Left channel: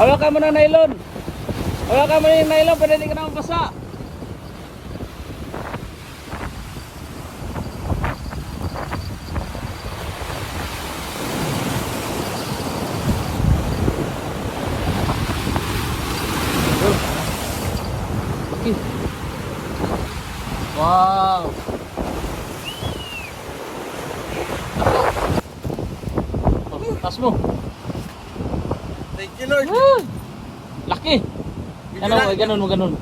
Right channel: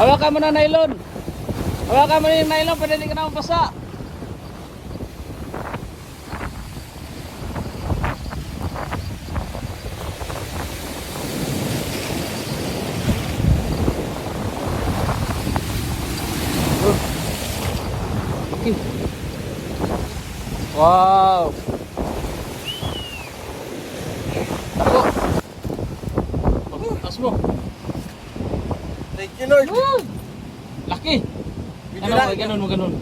Hawakan mo ng nylon. Hawakan mo ng nylon para hindi ka na mabasa. Okay. Wow. Tas. Thank you Lord. Laki. Video Ano, lang. ganun ganun.